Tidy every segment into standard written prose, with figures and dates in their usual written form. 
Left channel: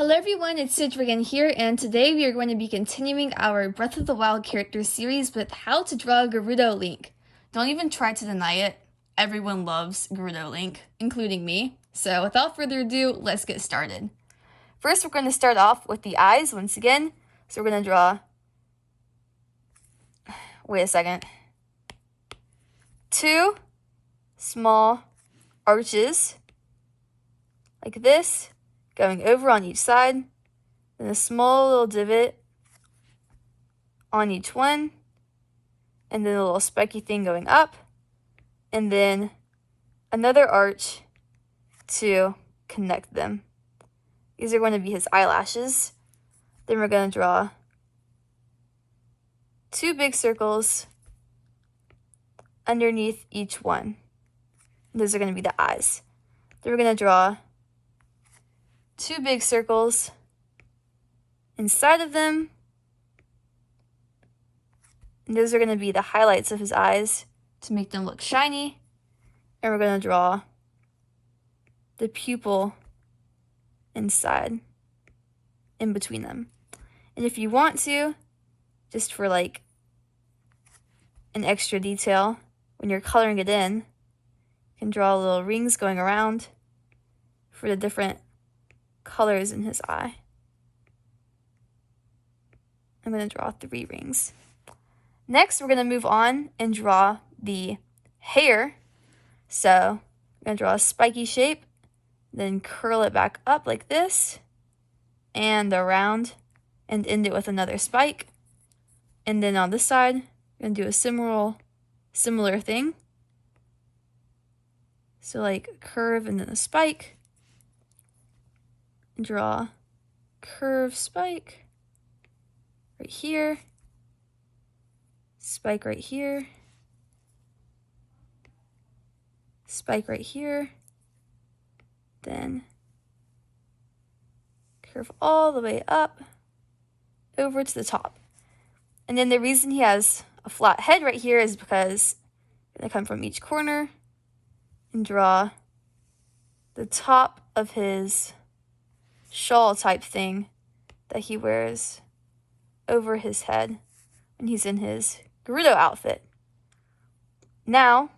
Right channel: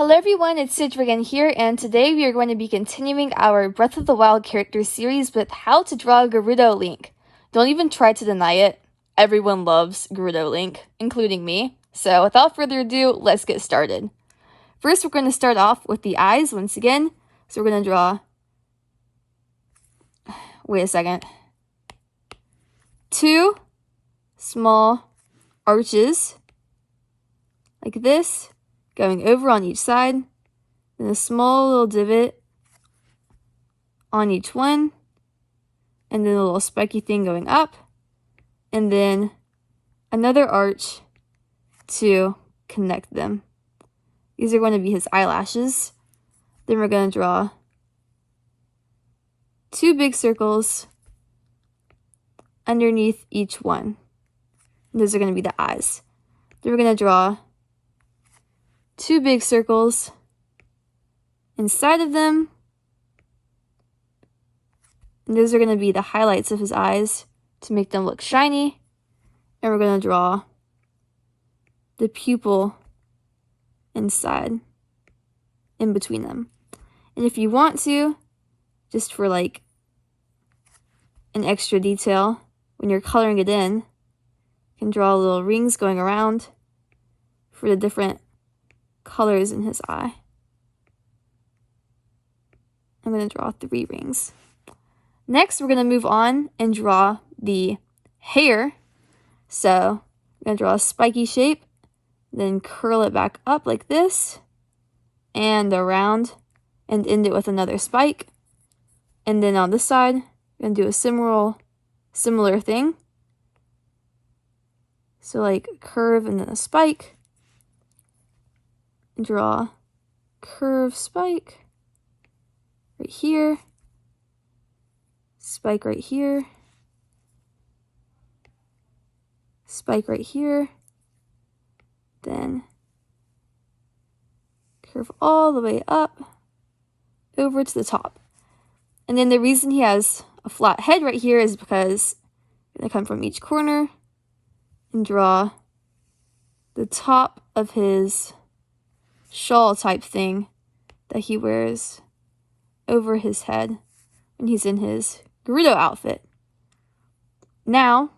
Hello everyone, it's Sidra again here, and today we are going to be continuing our Breath of the Wild character series with How to Draw Gerudo Link. Don't even try to deny it. Everyone loves Gerudo Link, including me. So without further ado, let's get started. First, we're going to start off with the eyes once again. So we're going to draw, two small arches like this, going over on each side, then a small little divot on each one, and then a little spiky thing going up, and then another arch to connect them. These are going to be his eyelashes. Then we're going to draw two big circles underneath each one. And those are going to be the eyes. Then we're going to draw two big circles inside of them, and those are going to be the highlights of his eyes to make them look shiny. And we're going to draw the pupil inside, in between them. And if you want to, just for like an extra detail, when you're coloring it in, you can draw little rings going around for the different colors in his eye. I'm going to draw 3 rings. Next, we're going to move on and draw the hair. So I'm going to draw a spiky shape, then curl it back up like this, and around, and end it with another spike. And then on this side, I'm going to do a similar thing. So like a curve and then a spike. Draw curve spike right here, spike right here, spike right here, then curve all the way up over to the top. And then the reason he has a flat head right here is because I'm going to come from each corner and draw the top of his shawl type thing that he wears over his head when he's in his Gerudo outfit. Now,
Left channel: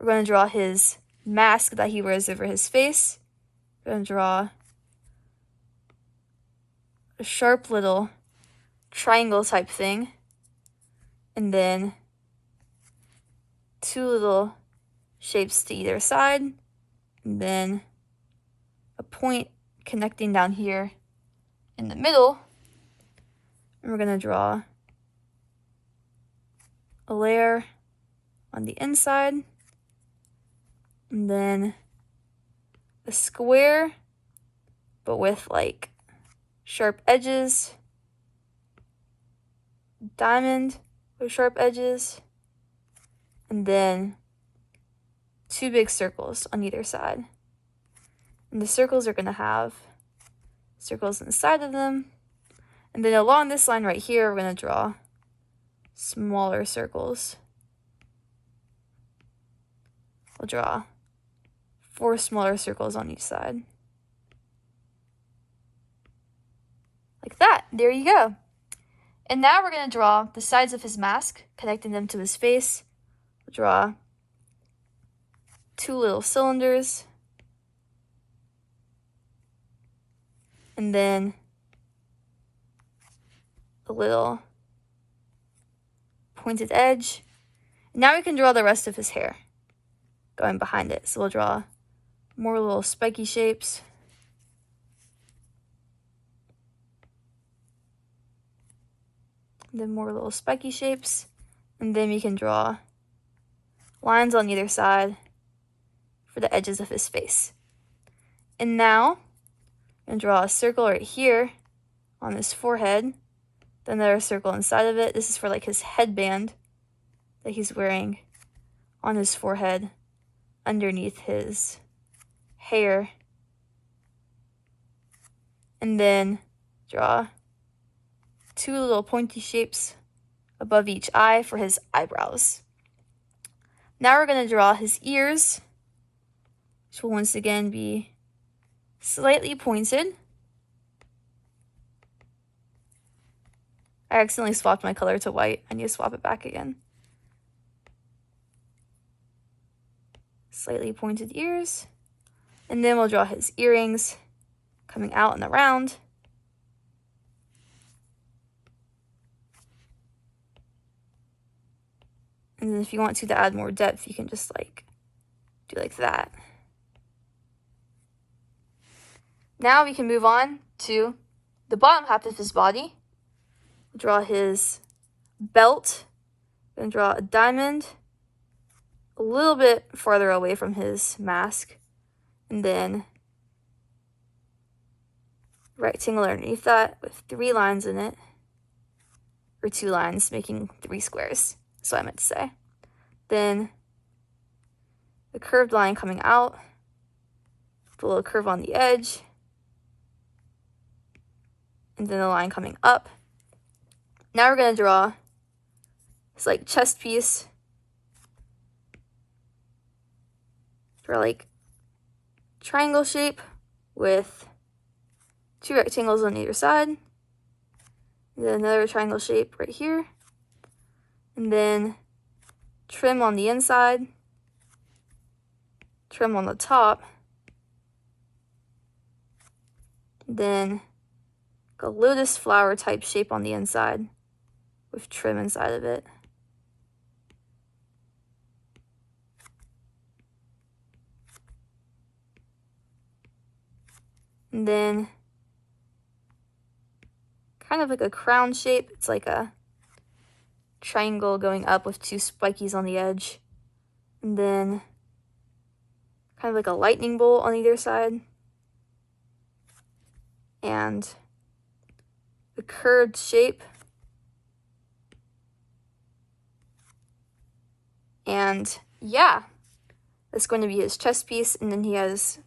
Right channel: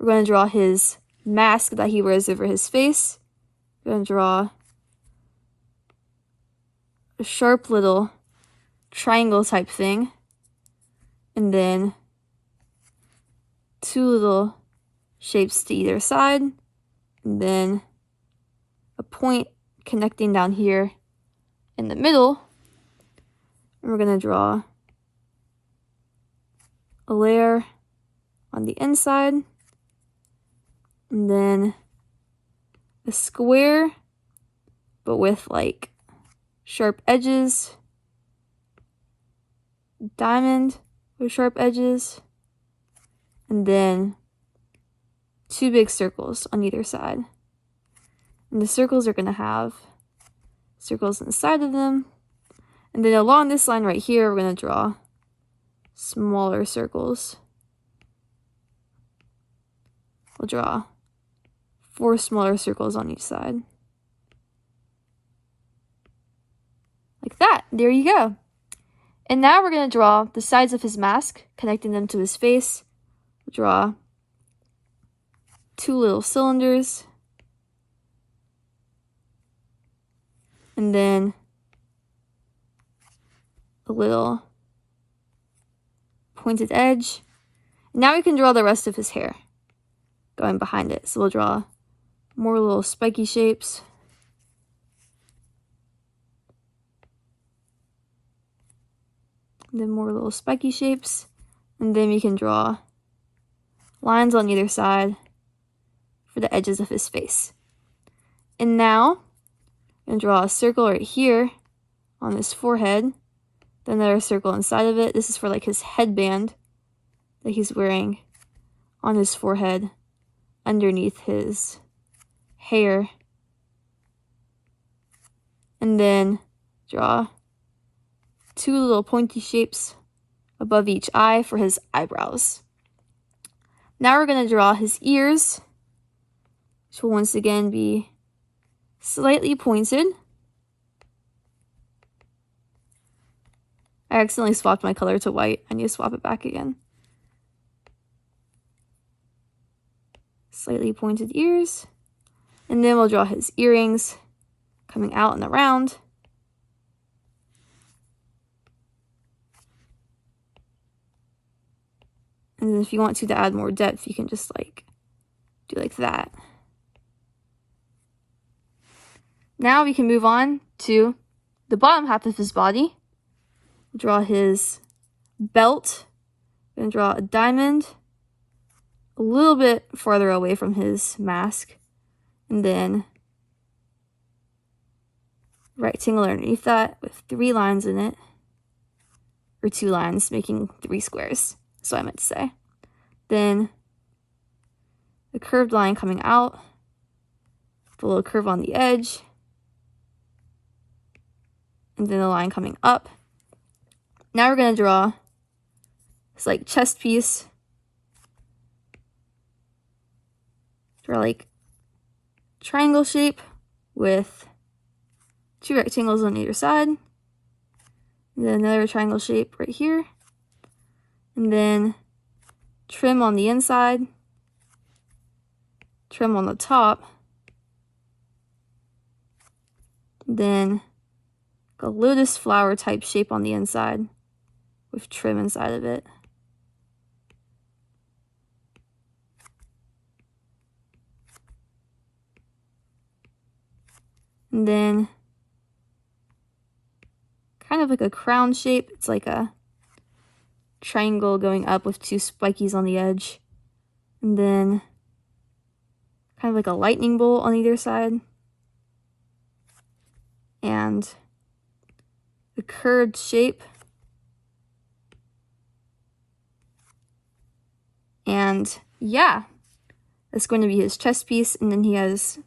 we're going to draw his mask that he wears over his face. We're going to draw a sharp little triangle type thing, and then 2 little shapes to either side, and then a point connecting down here in the middle. And we're going to draw a layer on the inside, and then a square but with like sharp edges, diamond with sharp edges, and then 2 big circles on either side. And the circles are going to have circles inside of them. And then along this line right here, we're going to draw smaller circles. We'll draw 4 smaller circles on each side. Like that. There you go. And now we're going to draw the sides of his mask, connecting them to his face. We'll draw 2 little cylinders, and then a little pointed edge. Now we can draw the rest of his hair going behind it. So we'll draw more little spiky shapes. And then more little spiky shapes. And then we can draw lines on either side for the edges of his face. And now I'm going to draw a circle right here on his forehead, then another circle inside of it. This is for like his headband that he's wearing on his forehead underneath his hair. And then draw 2 little pointy shapes above each eye for his eyebrows. Now we're going to draw his ears, which will once again be slightly pointed. I accidentally swapped my color to white. I need to swap it back again. Slightly pointed ears. And then we'll draw his earrings coming out and around. And then if you want to add more depth, you can just like do like that. Now we can move on to the bottom half of his body. Draw his belt. I'm gonna draw a diamond a little bit farther away from his mask. And then rectangle underneath that with 3 lines in it. Or 2 lines, making 3 squares. That's what I meant to say. Then the curved line coming out, a little curve on the edge, and then the line coming up. Now we're going to draw this like chest piece. Draw like triangle shape with 2 rectangles on either side. And then another triangle shape right here. And then trim on the inside, trim on the top, then a lotus flower type shape on the inside with trim inside of it. And then kind of like a crown shape. It's like a triangle going up with 2 spikies on the edge, and then kind of like a lightning bolt on either side, and the curved shape, and yeah, that's going to be his chest piece. And then he has,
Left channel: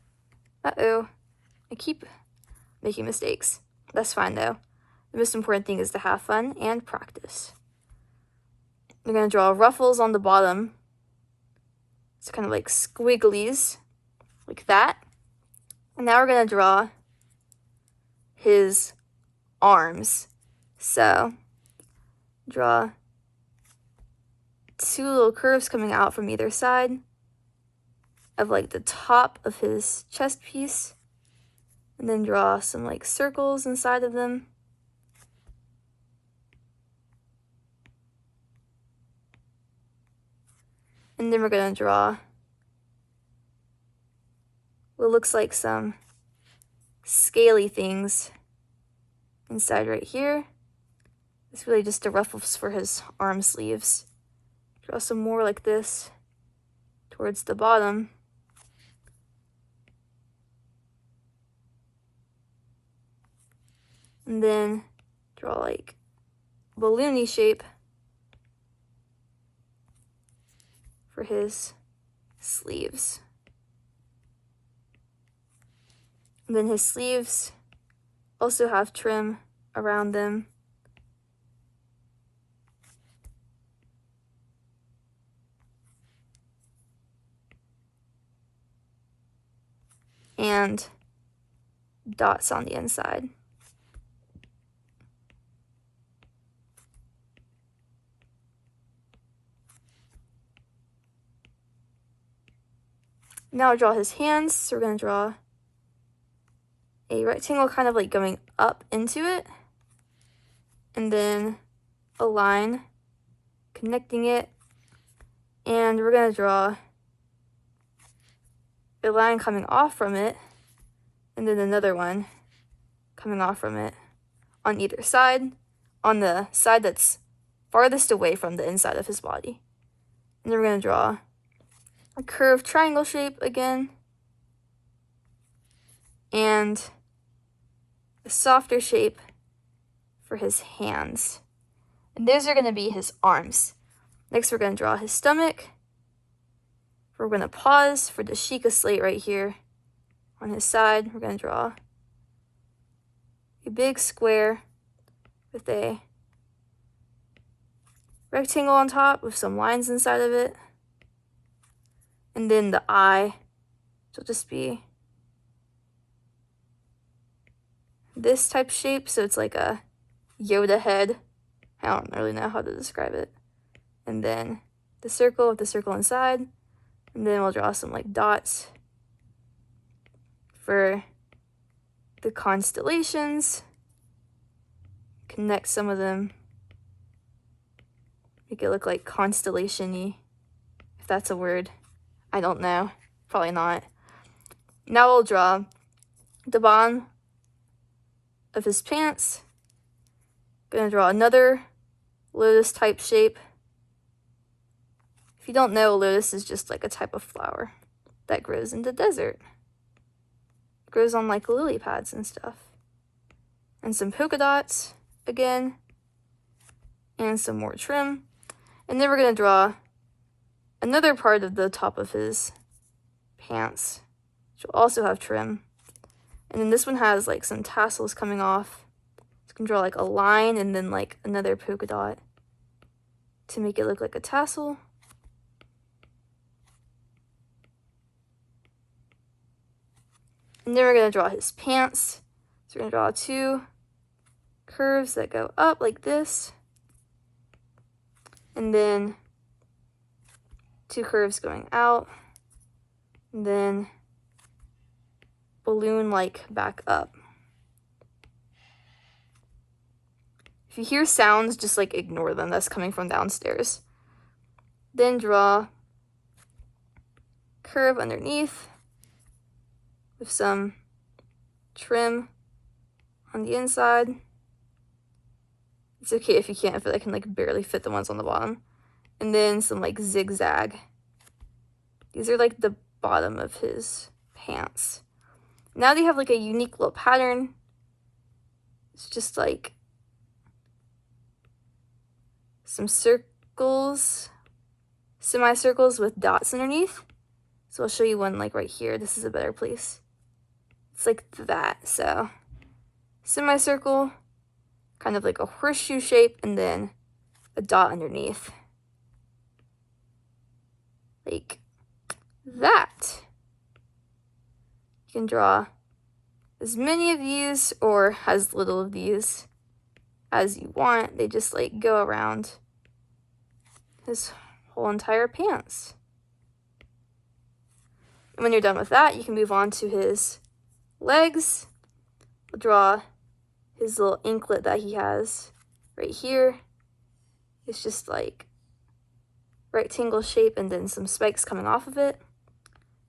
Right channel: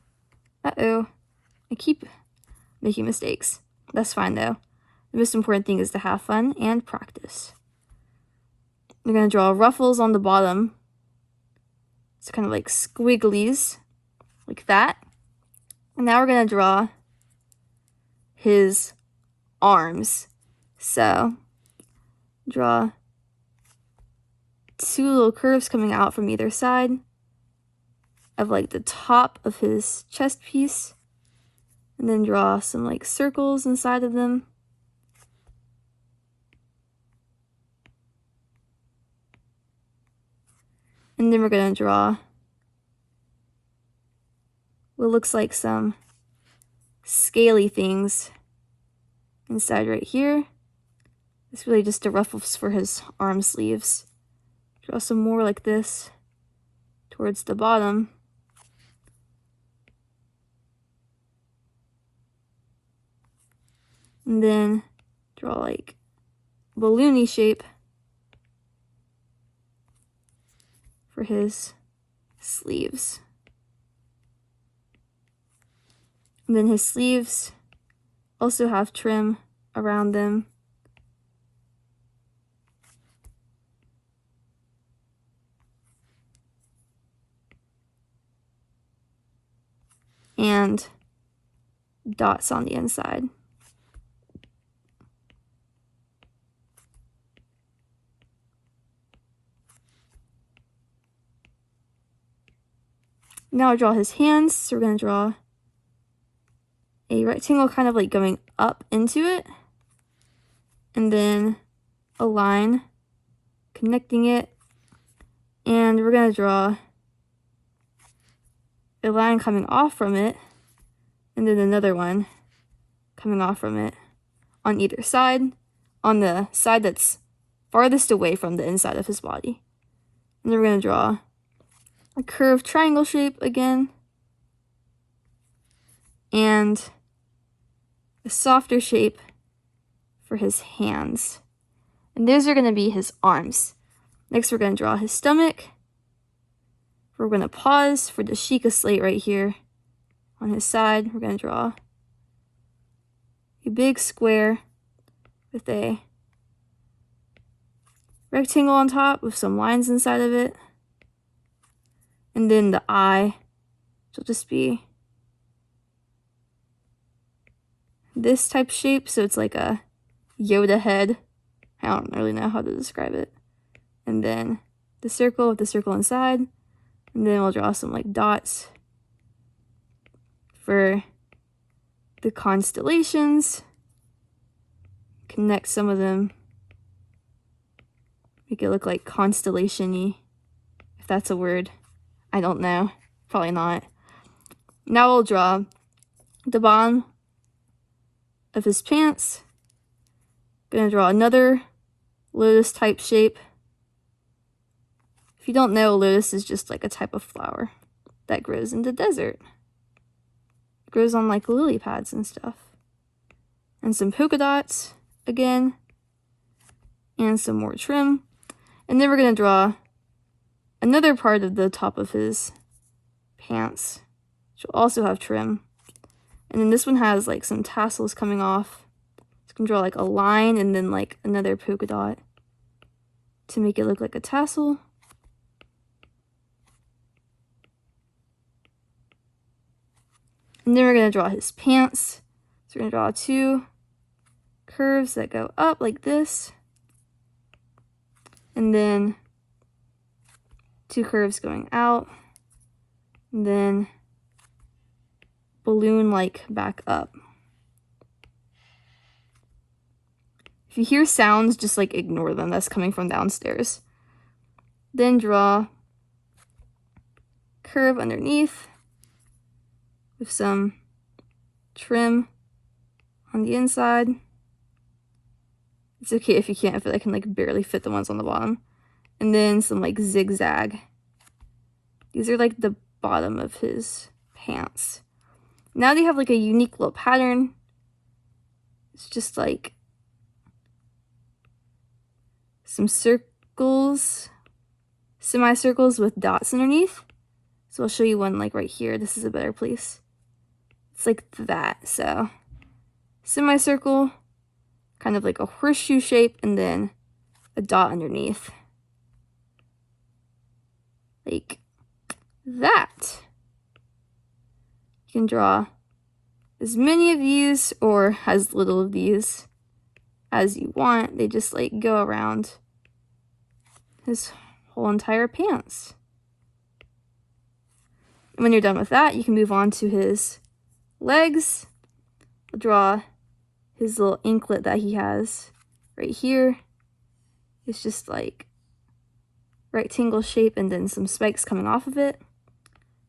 I keep making mistakes. That's fine though. The most important thing is to have fun and practice. I'm going to draw ruffles on the bottom. It's kind of like squigglies, like that. And now we're going to draw his arms. So, draw 2 little curves coming out from either side of like the top of his chest piece. And then draw some like circles inside of them. And then we're going to draw what looks like some scaly things inside right here. It's really just the ruffles for his arm sleeves. Draw some more like this towards the bottom. And then draw like balloony shape for his sleeves. And then his sleeves also have trim around them. And dots on the inside. Now I'll draw his hands. So we're going to draw a rectangle kind of like going up into it, and then a line connecting it, and we're going to draw a line coming off from it, and then another one coming off from it on either side, on the side that's farthest away from the inside of his body. And then we're going to draw a curved triangle shape again, and a softer shape for his hands. And those are going to be his arms. Next, we're going to draw his stomach. We're going to pause for the Sheikah slate right here on his side. We're going to draw a big square with a rectangle on top with some lines inside of it. And then the eye, which will just be this type shape, so it's like a Yoda head I don't really know how to describe it. And then the circle with the circle inside. And then we'll draw some like dots for the constellations. Connect some of them. Make it look like constellation-y, if that's a word. I don't know. Probably not. Now we'll draw the bottom of his pants. Gonna draw another lotus type shape. If you don't know, lotus is just like a type of flower that grows in the desert. It grows on like lily pads and stuff. And some polka dots again. And some more trim. And then we're gonna draw another part of the top of his pants, which will also have trim. And then this one has like some tassels coming off. So you can draw like a line and then like another polka dot to make it look like a tassel. And then we're gonna draw his pants. So we're gonna draw two curves that go up like this. And then two curves going out. And then balloon like back up. If you hear sounds, just like ignore them. That's coming from downstairs. Then draw curve underneath with some trim on the inside. It's okay if you can't, if I can like barely fit the ones on the bottom. And then some like zigzag. These are like the bottom of his pants. Now they have like a unique little pattern. It's just like some circles, semicircles with dots underneath. So I'll show you one like right here. This is a better place. It's like that. So semicircle, kind of like a horseshoe shape, and then a dot underneath. Like that. You can draw as many of these or as little of these as you want. They just like go around his whole entire pants. And when you're done with that, you can move on to his legs. I'll draw his little anklet that he has right here. It's just like rectangle shape and then some spikes coming off of it.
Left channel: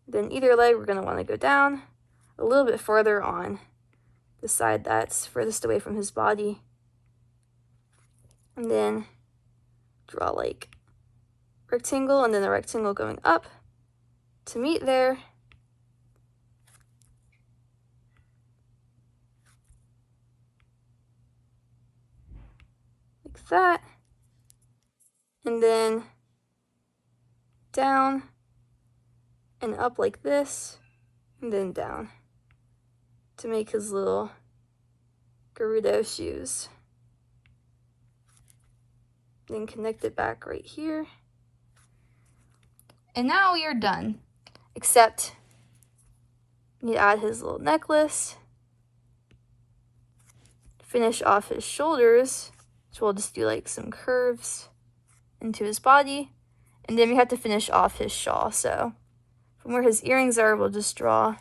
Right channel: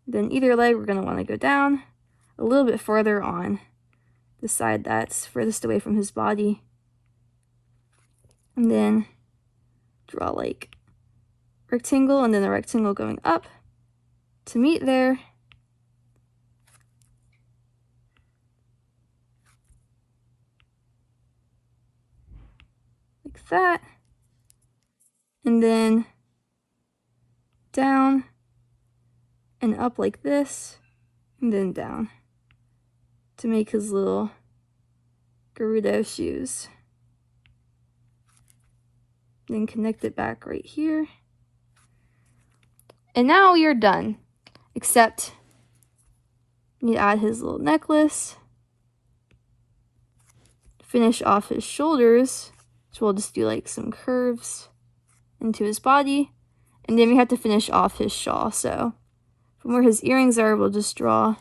Then either leg, we're going to want to go down a little bit farther on the side that's furthest away from his body. And then draw like rectangle and then the rectangle going up to meet there. Like that. And then down and up like this, and then down to make his little Gerudo shoes. Then connect it back right here. And now you're done, except you add his little necklace, finish off his shoulders, so we'll just do like some curves into his body, and then we have to finish off his shawl. So from where his earrings are, we'll just draw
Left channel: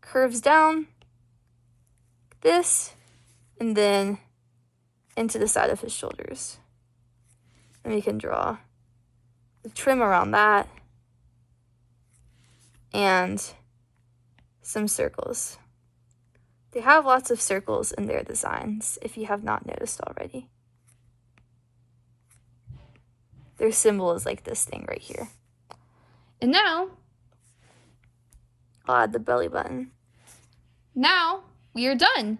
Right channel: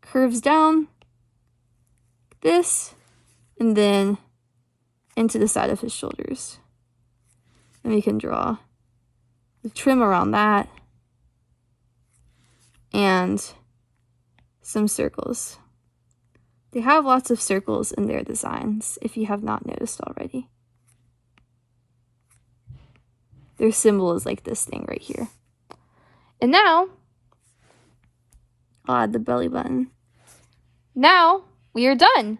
curves down, like this, and then into the side of his shoulders. And we can draw the trim around that, and some circles. They have lots of circles in their designs, if you have not noticed already. Their symbol is like this thing right here. And now, I'll add the belly button. Now, we are done.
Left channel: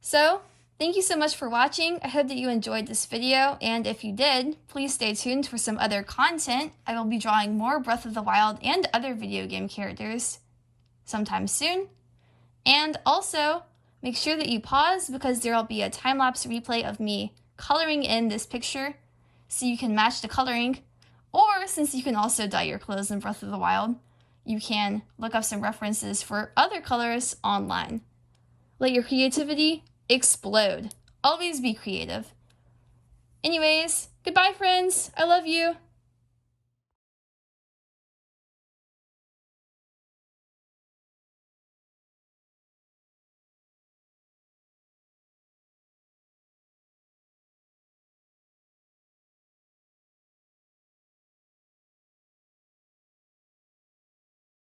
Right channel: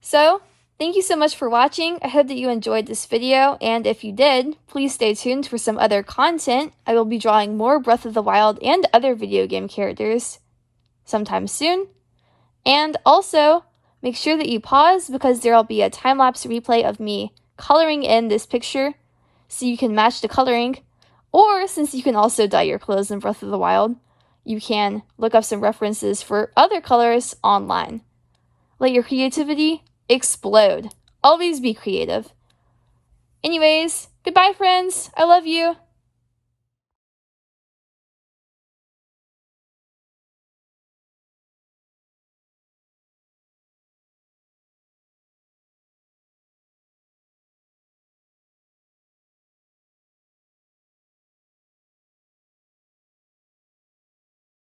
So, thank you so much for watching. I hope that you enjoyed this video, and if you did, please stay tuned for some other content. I will be drawing more Breath of the Wild and other video game characters sometime soon. And also, make sure that you pause because there will be a time-lapse replay of me coloring in this picture so you can match the coloring, or since you can also dye your clothes in Breath of the Wild, you can look up some references for other colors online. Let your creativity explode. Always be creative. Anyways, goodbye, friends. I love you.